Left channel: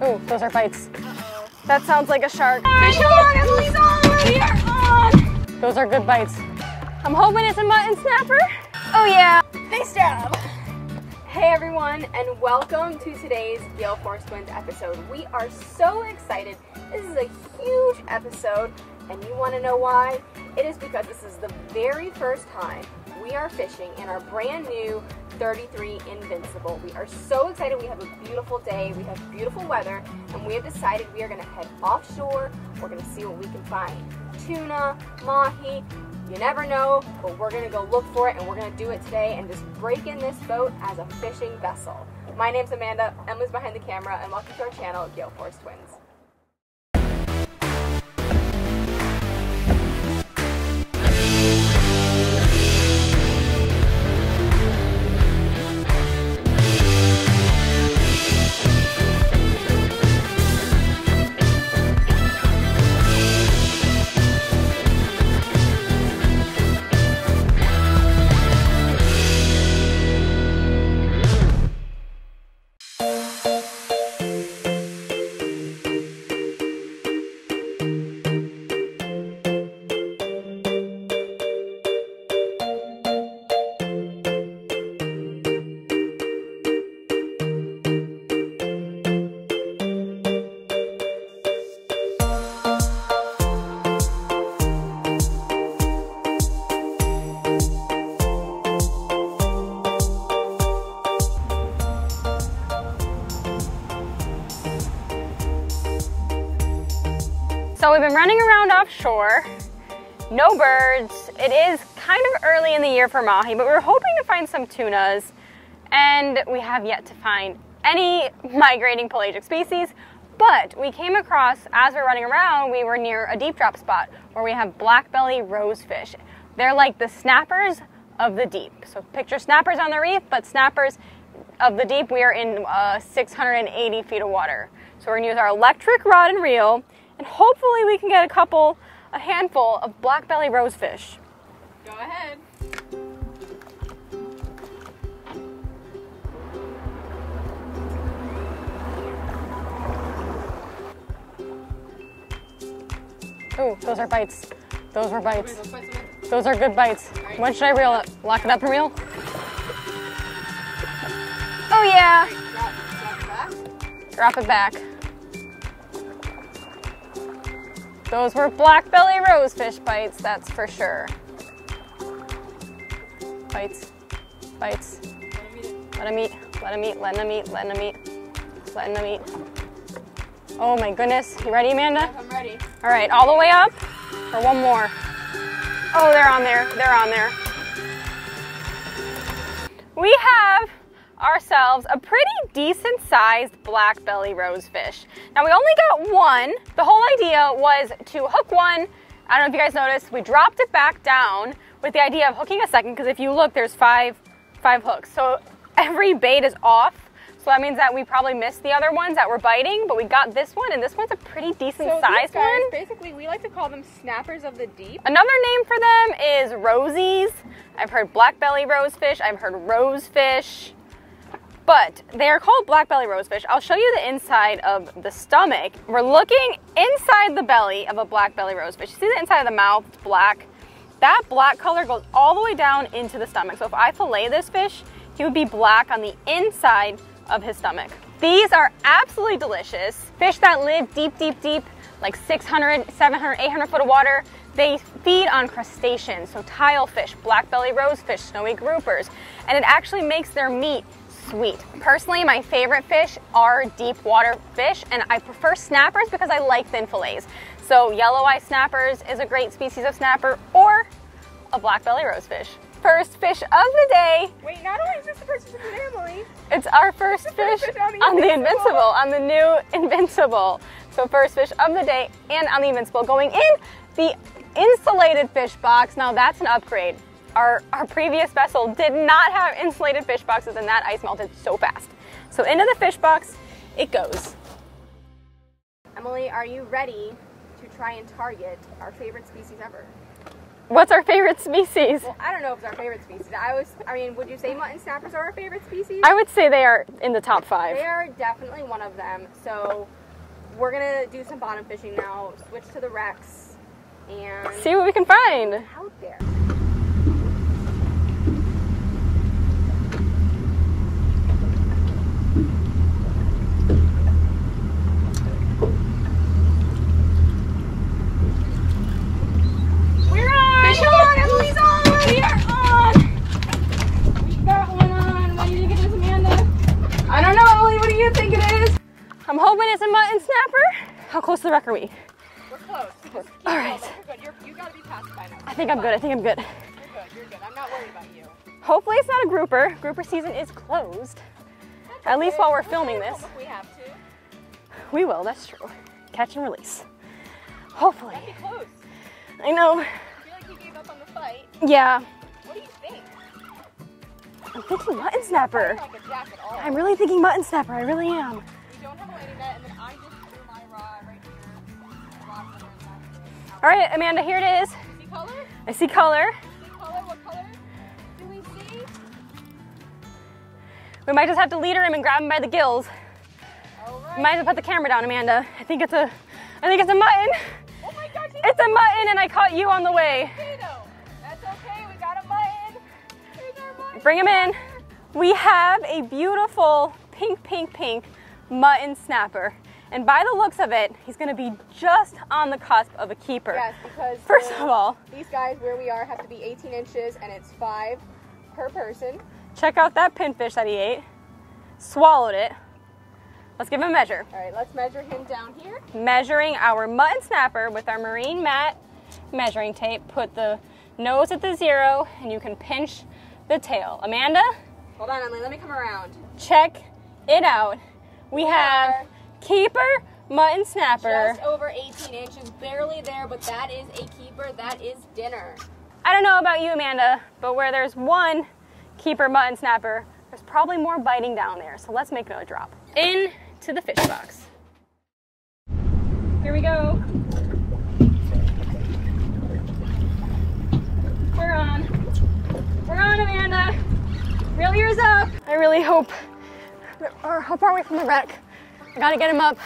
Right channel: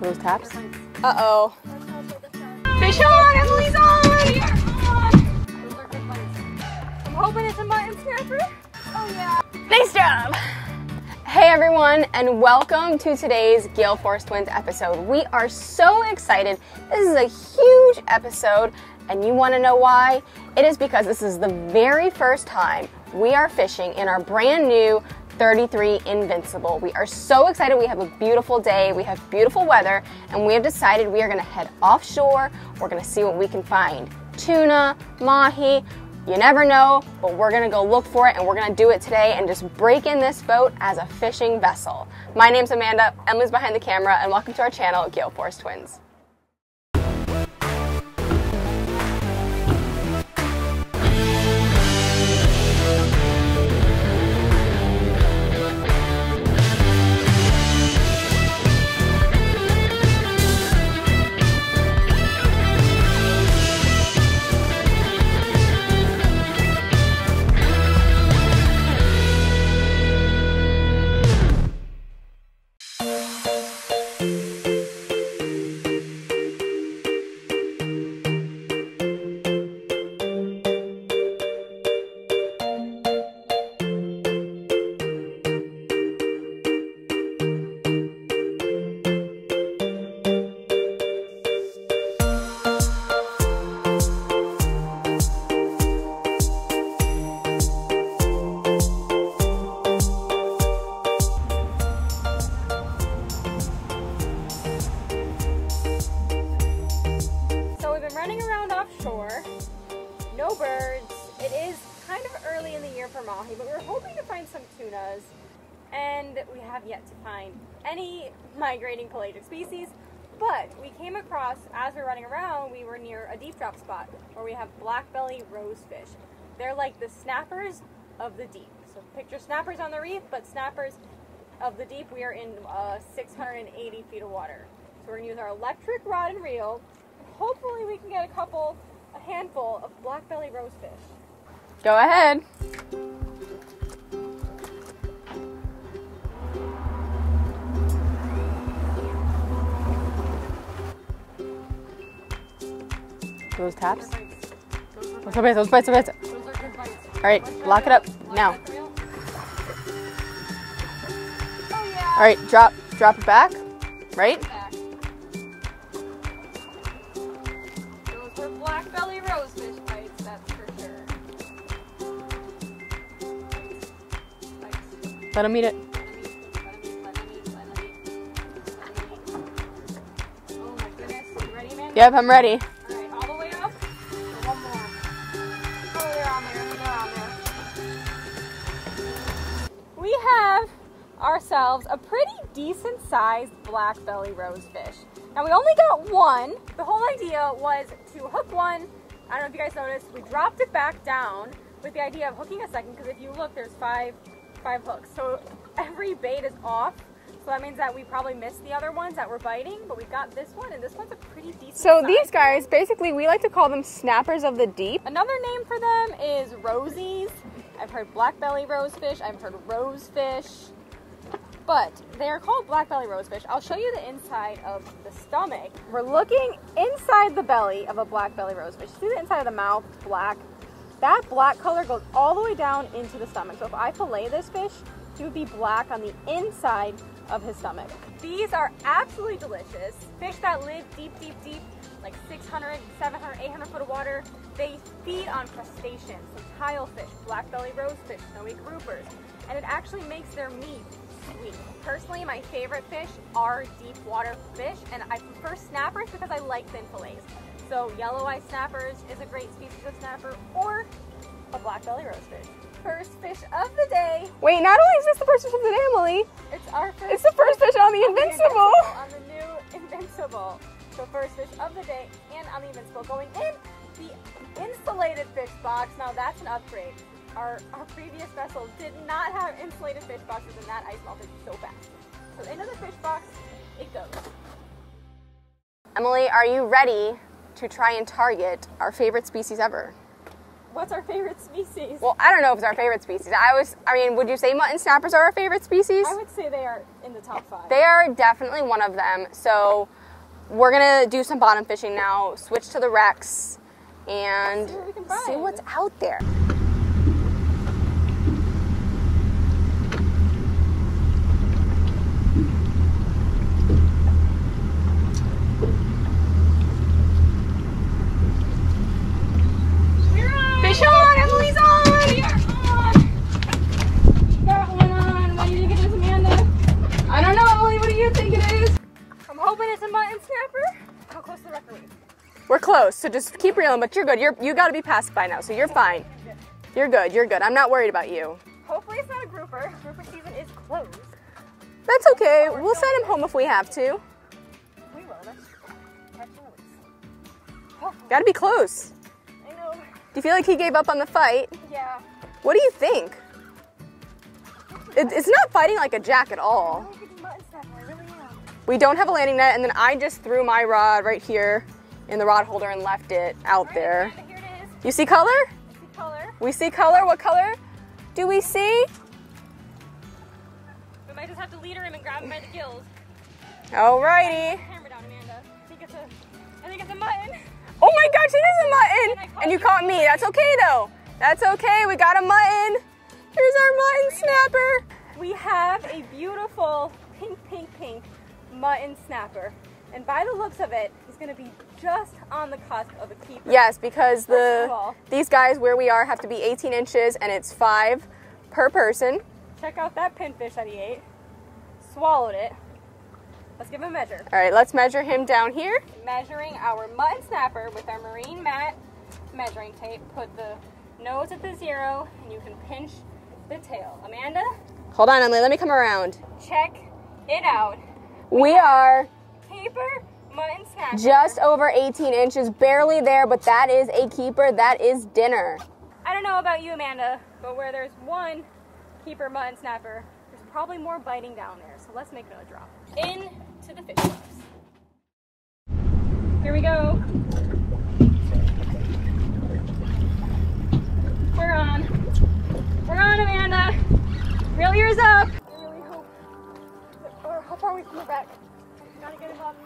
Ooh, those are bites. Uh-oh. That sounds like a shark. Fish on, Emily's on right here. On. Those are good bites. I'm hoping it's a mutton snapper. Oh yeah, nice job. Hey everyone, and welcome to today's Gale Force Twins episode. We are so excited. This is a huge episode, and you want to know why? It is because this is the very first time we are fishing in our brand new 33 Invincible. We are so excited. We have a beautiful day, we have beautiful weather, and we have decided we are going to head offshore. We're going to see what we can find. Tuna, mahi, you never know, but we're going to go look for it, and we're going to do it today and just break in this boat as a fishing vessel. My name's Amanda, Emily's behind the camera, and welcome to our channel, Gale Force Twins. So we've been running around offshore, no birds. It is kind of early in the year for mahi, but we were hoping to find some tunas, and we have yet to find any migrating pelagic species. But we came across, as we were running around, we were near a deep drop spot where we have black belly rosefish. They're like the snappers of the deep. So picture snappers on the reef, but snappers of the deep. We are in 680 feet of water. So we're gonna use our electric rod and reel, and hopefully we can get a handful of black belly rosefish. Go ahead. Ooh, those are bites. Those are bites. Okay, those bites are bites. Those are good bites. All right, when should I reel it? Lock it up and reel? Oh yeah. All right, drop it back. Drop it back. Those were black belly rosefish bites, that's for sure. Bites, bites. Let them eat it. Let them eat, let them eat, let them eat, let them eat, let them eat. Oh my goodness, you ready, Amanda? Yep, I'm ready. All right, all the way up, or one more? Oh, they're on there, they're on there. We have ourselves a pretty decent sized black belly rosefish. Now we only got one. The whole idea was to hook one. I don't know if you guys noticed, we dropped it back down with the idea of hooking a second, because if you look, there's five hooks. So every bait is off. So that means that we probably missed the other ones that were biting, but we got this one, and this one's a pretty decent size. So these guys, basically, we like to call them snappers of the deep. Another name for them is rosies. I've heard black belly rosefish, I've heard rosefish. But they are called black belly rosefish. I'll show you the inside of the stomach. We're looking inside the belly of a black belly rosefish. You see the inside of the mouth, it's black. That black color goes all the way down into the stomach. So if I fillet this fish, he would be black on the inside of his stomach. These are absolutely delicious. Fish that live deep, deep, deep, like 600, 700, 800 foot of water. They feed on crustaceans, so tilefish, black belly rosefish, snowy groupers, and it actually makes their meat sweet. Personally, my favorite fish are deep water fish, and I prefer snappers because I like thin fillets. So yellow eye snappers is a great species of snapper, or a black belly rosefish. First fish of the day. Wait, not only is this the first fish of the day, Emily, it's our first fish on the Invincible. On the new Invincible. So first fish of the day and on the Invincible, going in the insulated fish box. Now that's an upgrade. Our previous vessel did not have insulated fish boxes, and that ice melted so fast. So into the fish box it goes. Emily, are you ready to try and target our favorite species ever? What's our favorite species? Well, I don't know if it's our favorite species. I mean, would you say mutton snappers are our favorite species? I would say they are in the top 5. They are definitely one of them. So we're gonna do some bottom fishing now, switch to the wrecks, and see what we can see find. what's out there. We're on! Fish on! Emily's on! We are on! Got one on. What do you think it is, Amanda? I don't know, Emily. What do you think it is? I'm hoping it's a mutton snapper. How close to the wreck are we? We're close, so just keep reeling. But you're good. You got to be past by now, so you're fine. I think I'm good. You're good. You're good. I'm not worried about you. Hopefully it's not a grouper. Grouper season is closed. That's okay. At least while we're we'll filming send this. him home if we have to. We will, that's true. Catch and release. Hopefully. Got to be close. I know. Do you feel like he gave up on the fight? Yeah. What do you think? I'm thinking It's not fighting like a jack at all. I'm really thinking mutton snapper. I really am. We don't have a landing net, and then I just threw my rod right here in the rod holder and left it out there. All right, Amanda, here it is. You see color? I see color. We see color. What color do we see? We might just have to leader him and grab him by the gills. All right. Might have to put the camera down, Amanda. I think it's a mutton. Oh my gosh, It's a mutton, and I caught you on the me. way. That's okay though. That's okay. We got a mutton. Here's our mutton. Bring him snapper. in. We have a beautiful pink mutton snapper. And by the looks of it, he's gonna be just on the cusp of a keeper. Yes, because First of all, these guys where we are have to be 18 inches, and it's 5 per person. check out that pinfish that he ate. Swallowed it. Let's give him a measure. All right, let's measure him down here. Measuring our mutton snapper with our marine mat measuring tape. Put the nose at the 0, and you can pinch the tail. Amanda, Hold on, Emily, let me come around. check it out. We are keeper mutton snapper. just over 18 inches, barely there, but that is a keeper. That is dinner. I don't know about you, Amanda, but where there's one keeper mutton snapper, there's probably more biting down there. So let's make it a drop. Into the fish box. Here we go. We're on. We're on, Amanda. Reel yours up. I really hope. How far away from the wreck? I gotta get him up.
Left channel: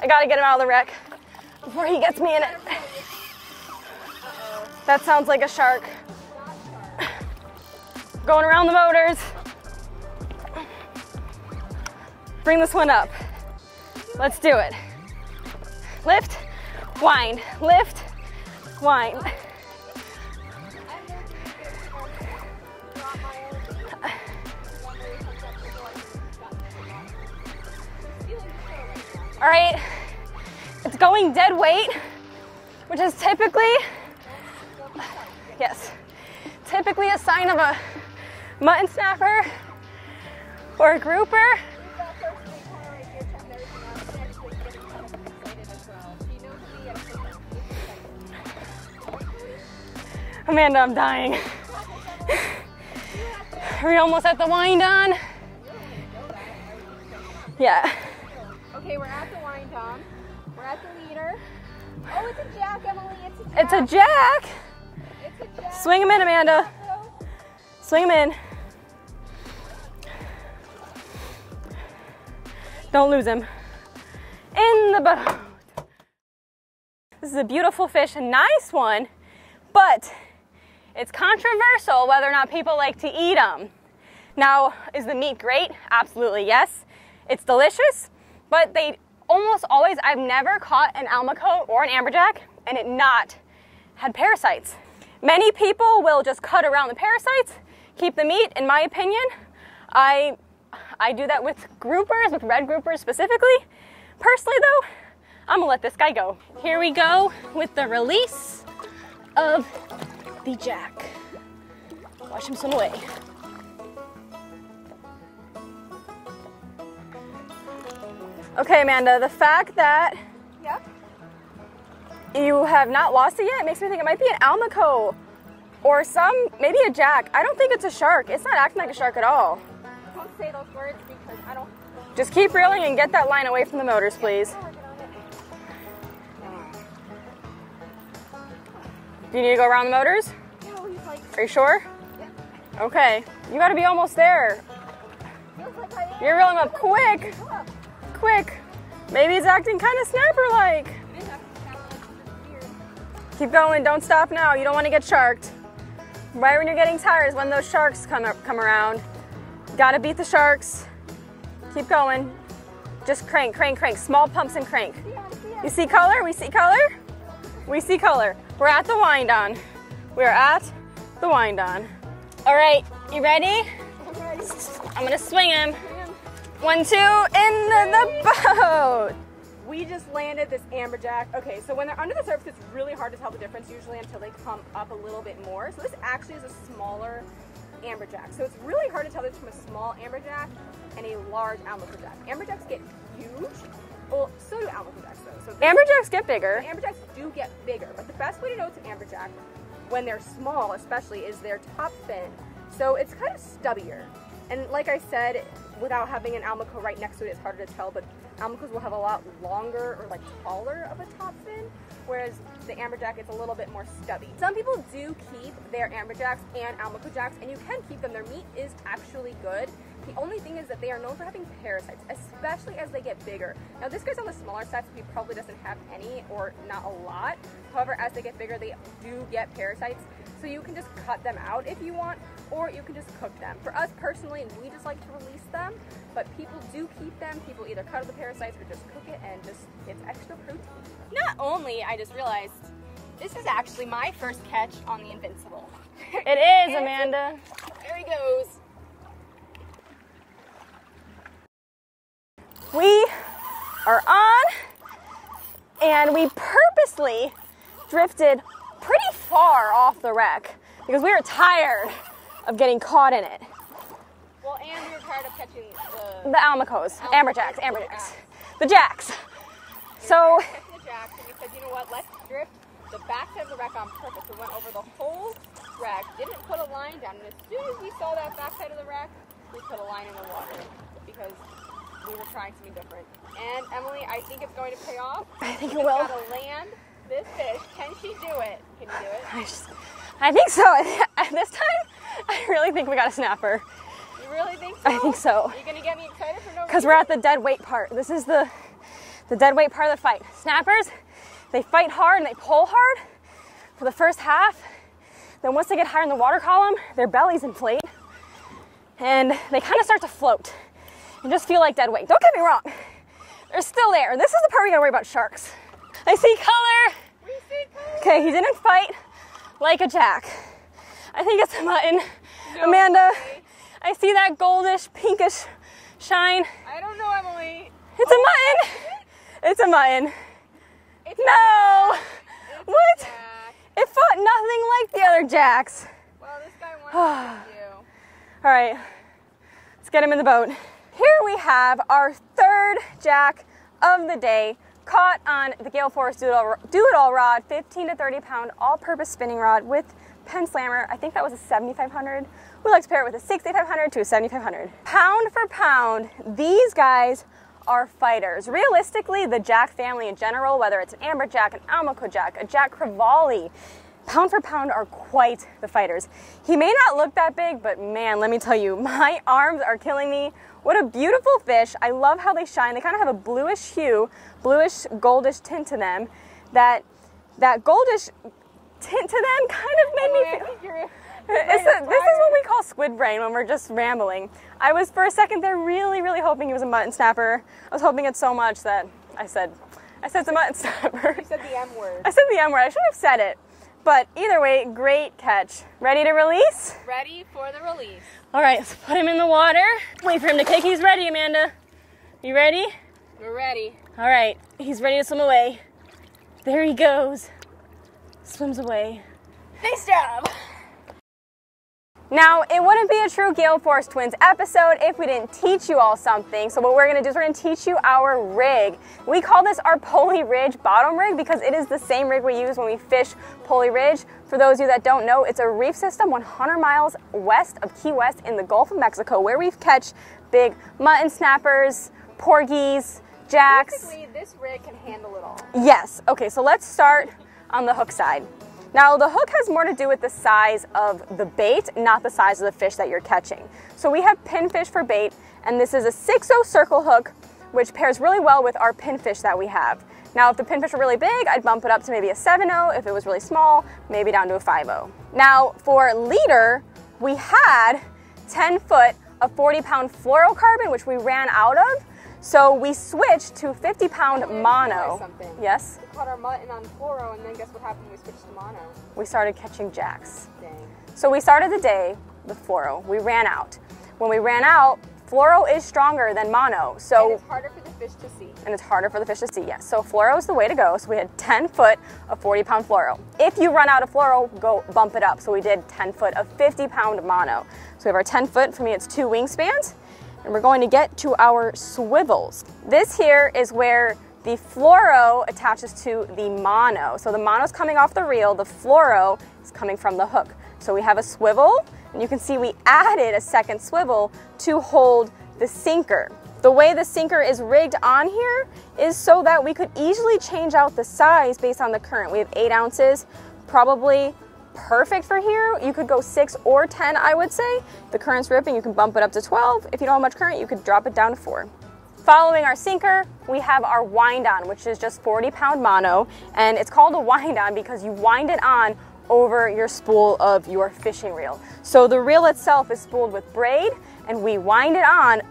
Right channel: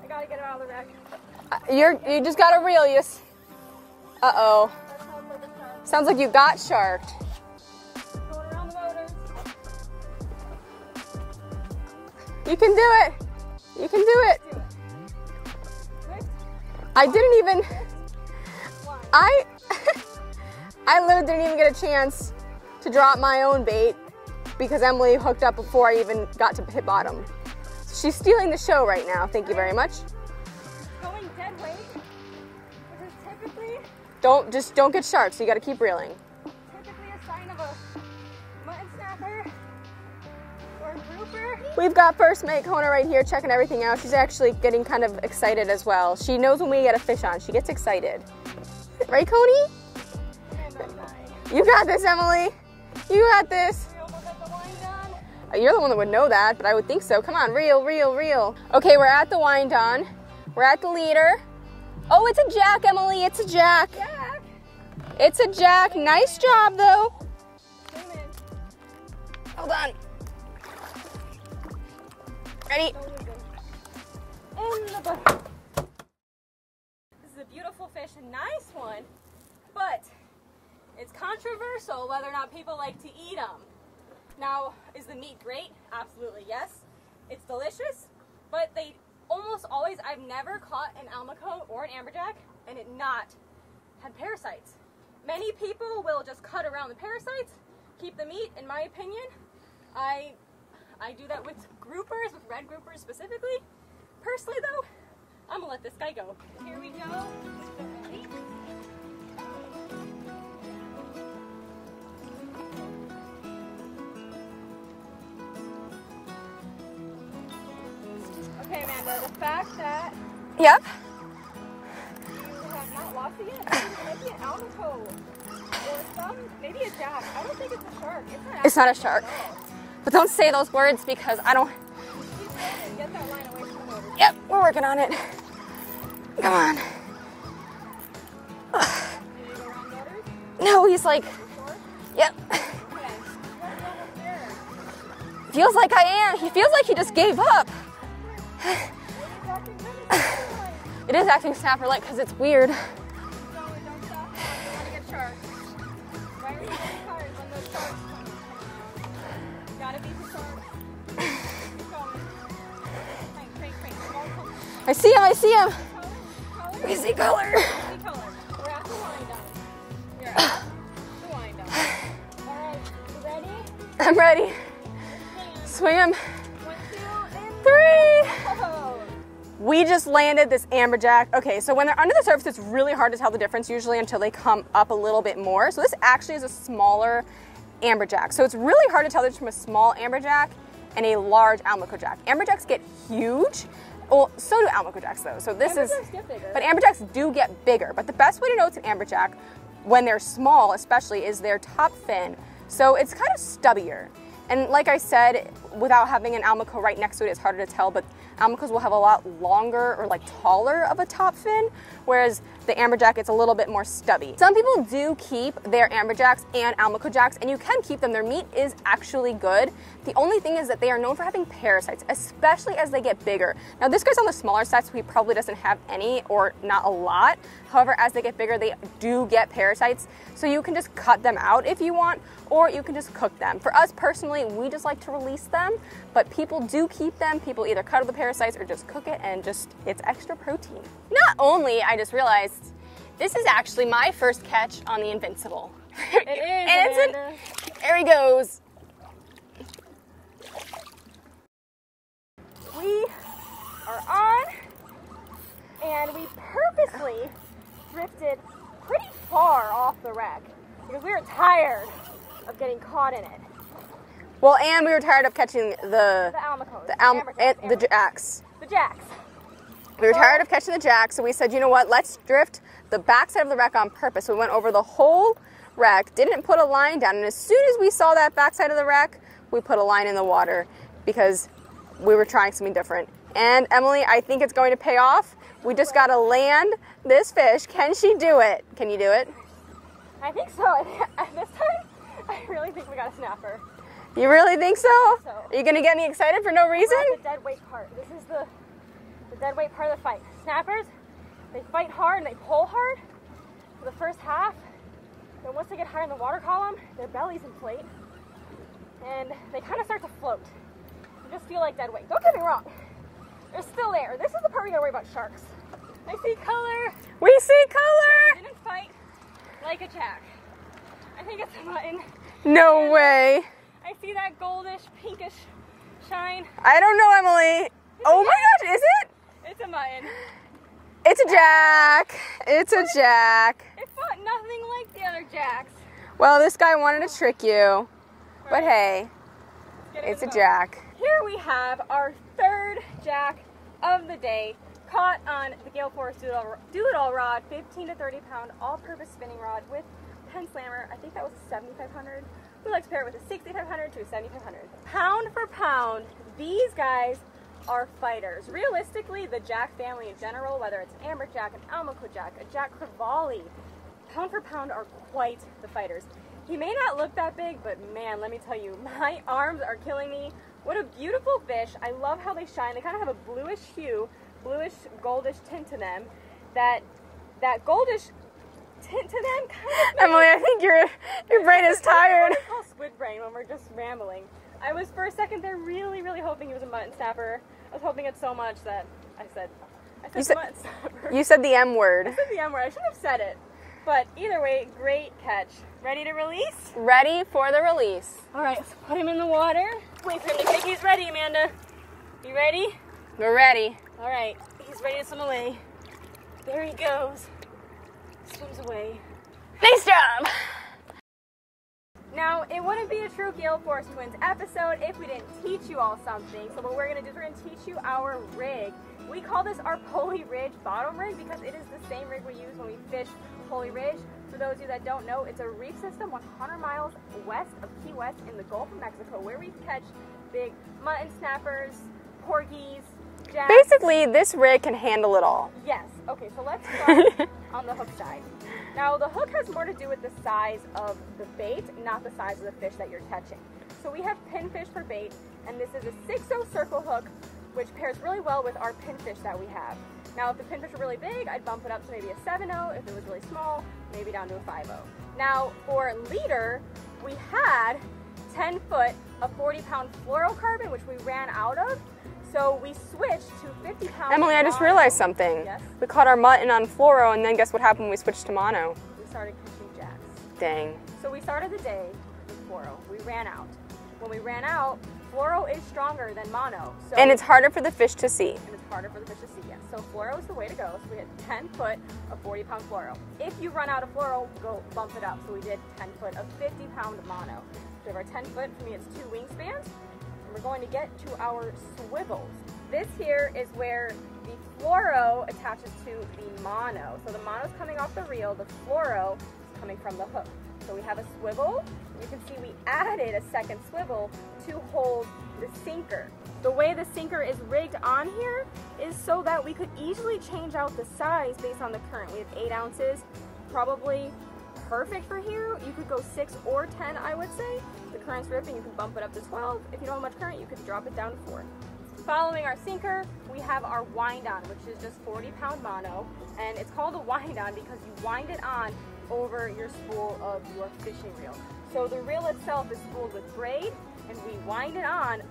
I gotta get him out of the wreck. You just gotta reel you. Uh-oh. That sounds like a shark. Sounds like you got shark. Going around the motors. Bring You this can one do up. it. You can do Let's it. do it. Lift. I Wind. didn't even Lift. Wind. I literally didn't even get a chance to drop my own bait because Emily hooked up before I even got to hit bottom. She's stealing the show right now. Thank you very much. It's going dead weight, which is typically Don't get sharp, so you gotta Yes. keep reeling. a sign of a mutton snapper or a grouper. We've got first mate Kona right here checking everything out. She's actually getting kind of excited as well. She knows when we get a fish on, she gets excited. Right, Coney? Amanda, I'm dying. You got this, Emily. You got this. Are we almost at the wind on? You're the one that would know that, but I would think so. Come on, reel, Yeah. reel. Okay, we're at the wind on. We're at the leader. Oh, it's a jack, Emily. It's a jack. It's a jack. It's a jack. Swing him nice in, Amanda. job, though. Swing him in. Hold on. Ready? Don't lose him. In the bottom. This is a beautiful fish, a nice one, but it's controversial whether or not people like to eat them. Now, is the meat great? Absolutely, yes. It's delicious, but they almost always, I've never caught an almacote or an amberjack and it not had parasites. Many people will just cut around the parasites, keep the meat, in my opinion. I do that with groupers, with red groupers specifically. Personally though, I'm gonna let this guy go. Here we go with the release of the jack. Wash him some away. Okay, Amanda, the fact that, Yep. you have not lost it yet makes me think it might be an almacote or maybe a jack. I don't think it's a shark. It's not actually not a shark at all. But don't say those words because I don't. Just keep reeling and get that line away from the motors, please. We're working on it. Come on. Do you need to go around the motors? No, he's like, Are you sure? yep. Okay. You gotta be almost there. Feels like I am. You're It feels like he just quick. gave up. Quick. Maybe it's acting kind of snapper-like. It is acting snapper-like because it's weird. Keep going, don't stop now. You don't want to get sharked. Right when you're getting tired is when those sharks come around. Gotta beat the sharks. Keep going. Just crank, crank, crank. Small pumps and crank. I see him, I see him. We see color, we see color. I see color. We see color. We're at the wind on. We're at the wind on. All right, you ready? I'm ready. I'm gonna swing him. Swing him. 1, 2, in the boat. We just landed this amberjack. Okay, so when they're under the surface, it's really hard to tell the difference usually until they come up a little bit more. So this actually is a smaller amberjack. So it's really hard to tell the difference from a small amberjack and a large almacojack. Amberjacks get huge. Well, so do almacojacks though. So Amberjacks get bigger. But amberjacks do get bigger. But the best way to know it's an amberjack, when they're small especially, is their top fin. So it's kind of stubbier. And like I said, without having an almaco right next to it, it's harder to tell, but almacos will have a lot longer or like taller of a top fin, whereas the amberjack, it's a little bit more stubby. Some people do keep their amberjacks and almacojacks, and you can keep them. Their meat is actually good. The only thing is that they are known for having parasites, especially as they get bigger. Now this guy's on the smaller side, so he probably doesn't have any or not a lot. However, as they get bigger, they do get parasites. So you can just cut them out if you want, or you can just cook them. For us personally, we just like to release them, but people do keep them. People either cut out the parasites or just cook it, and just, it's extra protein. Not only, I just realized, this is actually my first catch on the Invincible. It is, Amanda. There he goes. We are on, and we purposely drifted pretty far off the wreck because we were tired of getting caught in it. Well, and we were tired of catching the almacos, amberjacks, the jacks. The jacks. We were tired of catching the jacks, so we said, you know what, let's drift the backside of the wreck on purpose. We went over the whole wreck, didn't put a line down, and as soon as we saw that backside of the wreck, we put a line in the water because we were trying something different. And Emily, I think it's going to pay off. We just gotta land this fish. Can she do it? Can you do it? I think so. At this time, I really think we got a snapper. You really think so? I think so. Are you gonna get me excited for no reason? Because we're at the dead weight part. This is the dead weight part of the fight. Snappers, they fight hard and they pull hard for the first half. Then once they get higher in the water column, their bellies inflate and they kind of start to float and just feel like dead weight. Don't get me wrong, they're still there. This is the part we gotta worry about sharks. I see color. We see color. Okay, he didn't fight like a jack. I think it's a mutton. No Amanda, way. I see that goldish, pinkish shine. I don't know, Emily. It's a mutton. Is it? It's a mutton. It's a No. jack. It's What? a jack. It fought nothing like the other jacks. Well, this guy wanted to trick you. All right, Okay. let's get him in It's the a boat. jack. Here we have our third jack of the day, caught on the Gale Force Do-It-All rod, 15 to 30 pound all-purpose spinning rod with Penn Slammer. I think that was a 7500. We like to pair it with a 6500 to a 7500. Pound for pound, these guys are fighters. Realistically, the jack family in general, whether it's an amberjack, an almacojack, a jack crevalle, pound for pound are quite the fighters. He may not look that big, but man, let me tell you, my arms are killing me. What a beautiful fish. I love how they shine. They kind of have a bluish hue, bluish goldish tint to them. That goldish tint to them kind of Emily, I think your brain is This is tired. what we call squid brain when we're just rambling. I was for a second there really, really hoping he was a mutton snapper. I was hoping it so much that I said the mutton snapper. You said the M word. I said the M word. I should have said it. But either way, great catch. Ready to release? Ready for the release. All right, let's put him in the water. Wait for him to kick. He's ready, Amanda. You ready? We're ready. All right, he's ready to swim away. There he goes. Swims away. Nice job. Now, it wouldn't be a true Gale Force Twins episode if we didn't teach you all something. So what we're gonna do is we're gonna teach you our rig. We call this our Pulley Ridge bottom rig because it is the same rig we use when we fish Pulley Ridge. For those of you that don't know, it's a reef system 100 miles west of Key West in the Gulf of Mexico where we catch big mutton snappers, porgies, jacks. Basically, this rig can handle it all. Yes. Okay, so let's start on the hook side. Now the hook has more to do with the size of the bait, not the size of the fish that you're catching. So we have pinfish for bait, and this is a 6-0 circle hook, which pairs really well with our pinfish that we have. Now if the pinfish were really big, I'd bump it up to maybe a 7-0. If it was really small, maybe down to a 5-0. Now for leader, we had 10 foot of 40-pound fluorocarbon, which we ran out of. So we switched to 50-pound Emily, I just realized something. Yes? We caught our mutton on fluoro, and then guess what happened when we switched to mono? We started catching jacks. Dang. So we started the day with fluoro. We ran out. When we ran out, fluoro is stronger than mono. And it's harder for the fish to see. And it's harder for the fish to see, yes. So fluoro is the way to go. So we had 10 foot of 40-pound fluoro. If you run out of fluoro, go bump it up. So we did 10 foot of 50-pound mono. So we have our 10 foot, for me it's 2 wingspans. And we're going to get to our swivels. This here is where the fluoro attaches to the mono. So the mono is coming off the reel, the fluoro is coming from the hook. So we have a swivel, and you can see we added a second swivel to hold the sinker. The way the sinker is rigged on here is so that we could easily change out the size based on the current. We have 8 ounces, probably perfect for here. You could go 6 or 10, I would say. The current's ripping, you can bump it up to 12. If you don't have much current, you could drop it down to 4. Following our sinker, we have our wind on, which is just 40-pound mono, and it's called a wind on because you wind it on over your spool of your fishing reel. So the reel itself is spooled with braid, and we wind it on.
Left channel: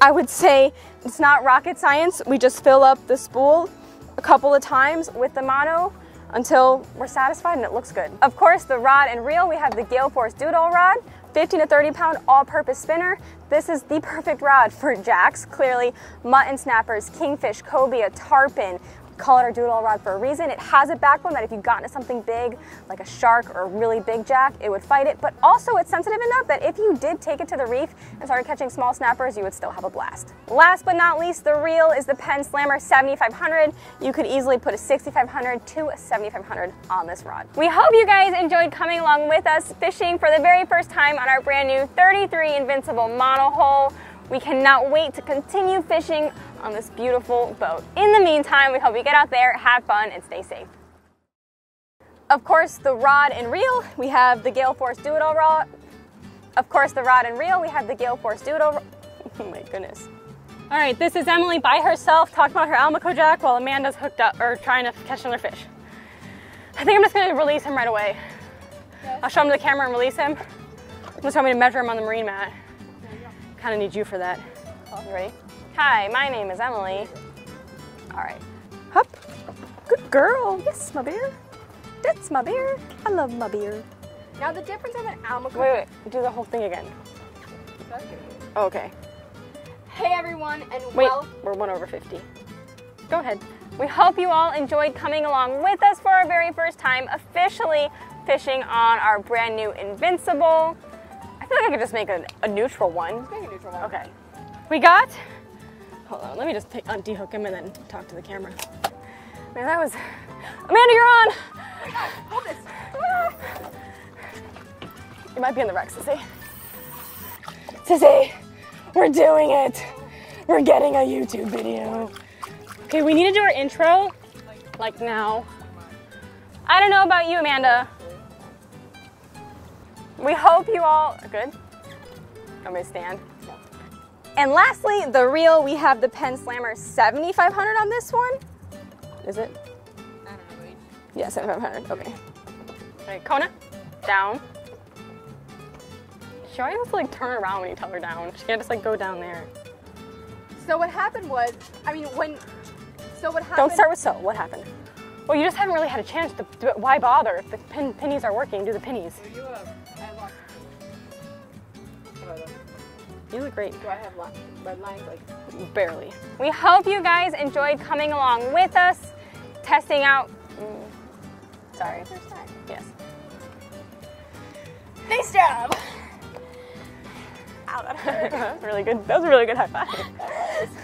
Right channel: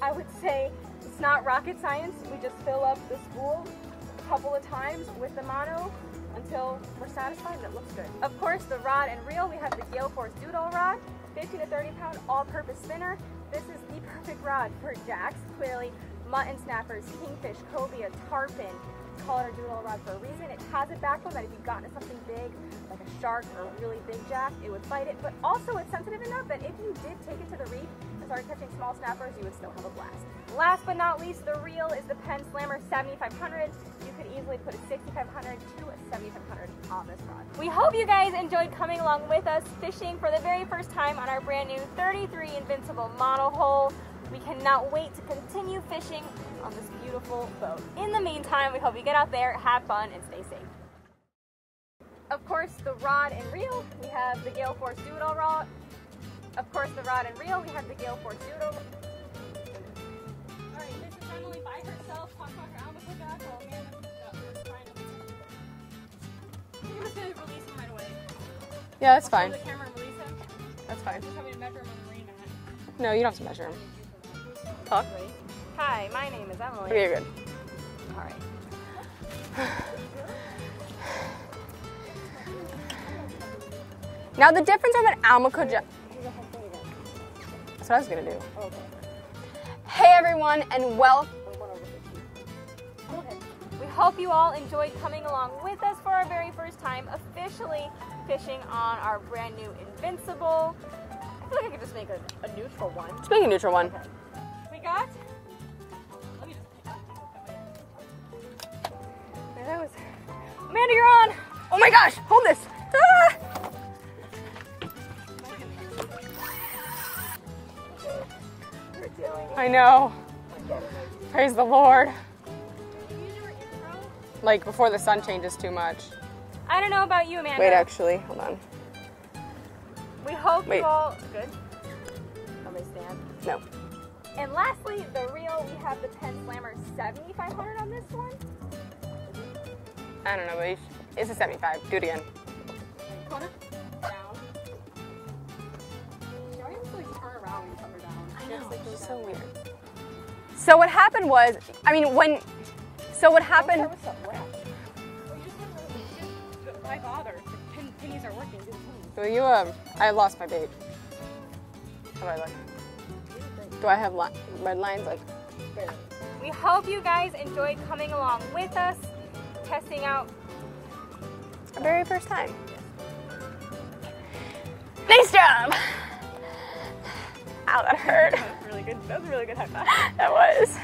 I would say it's not rocket science. We just fill up the spool a couple of times with the mono until we're satisfied and it looks good. Of course, the rod and reel, we have the Gale Force Doodle rod, 15 to 30-pound all-purpose spinner. This is the perfect rod for jacks, clearly mutton snappers, kingfish, cobia, tarpon. Call it our doodle rod for a reason. It has a backbone that if you got into something big, like a shark or a really big jack, it would fight it. But also it's sensitive enough that if you did take it to the reef and started catching small snappers, you would still have a blast. Last but not least, the reel is the Penn Slammer 7500. You could easily put a 6500 to a 7500 on this rod. We hope you guys enjoyed coming along with us fishing for the very first time on our brand new 33 Invincible monohull. We cannot wait to continue fishing on this beautiful boat. In the meantime, we hope you get out there, have fun, and stay safe. Of course, the rod and reel, we have the Gale Force Doodle rod. Of course, the rod and reel, we have the Gale Force Doodle. Oh my goodness. All right, this is Emily by herself talking about her Almaco jack while Amanda's hooked up or trying to catch another fish. I think I'm just gonna release him right away. Yeah, that's I'll show him the camera and release him. That's fine. Just want me to measure him on the marine mat. No, you don't have to measure. Kind of need you for that. Oh, ready? Hi, my name is Emily. You're good. All right. Hup. Good girl. Yes, my beard. That's my beard. I love my beard. Now the difference of an Almaco jack. Do the whole thing again. That's what I was gonna do. Oh, okay. Hey everyone, and Wait, well, we're 1/50. Go ahead. We hope you all enjoyed coming along with us for our very first time officially fishing on our brand new Invincible. I feel like I could just make a neutral one. let's make a neutral one. Okay. We got, hold on, let me just de-hook him and then talk to the camera. Man, that was, Amanda, you're on. Oh my gosh, hold this. Ah. You might be in the wreck, Sissy. Sissy, we're doing it. I know. We're getting a YouTube Praise the video. Lord. Okay, we need to do our intro. Like before Like the sun now. changes too much. I don't know about you, Amanda. Wait, actually, hold on. We hope Wait. you all, good? Want me to stand? No. And lastly, the reel, we have the Penn Slammer 7500 on this one. Is it? I don't know, but Yeah, 7500. Do it again. Okay, Kona, down. She always has to like turn around when you tell her down. She can't just like go down there. So what happened was, what happened? Don't start with so. What happened? Well, you just haven't really had a chance to do it. Why bother? If the pennies are working, do the pennies. So you, I lost my bait. How do I look? You look great. Do I have red lines? Like, Barely. We hope you guys enjoyed coming along with us, testing out the very first time. yes. Nice job! Ow, that hurt. Really good. That was a really good high five. That was.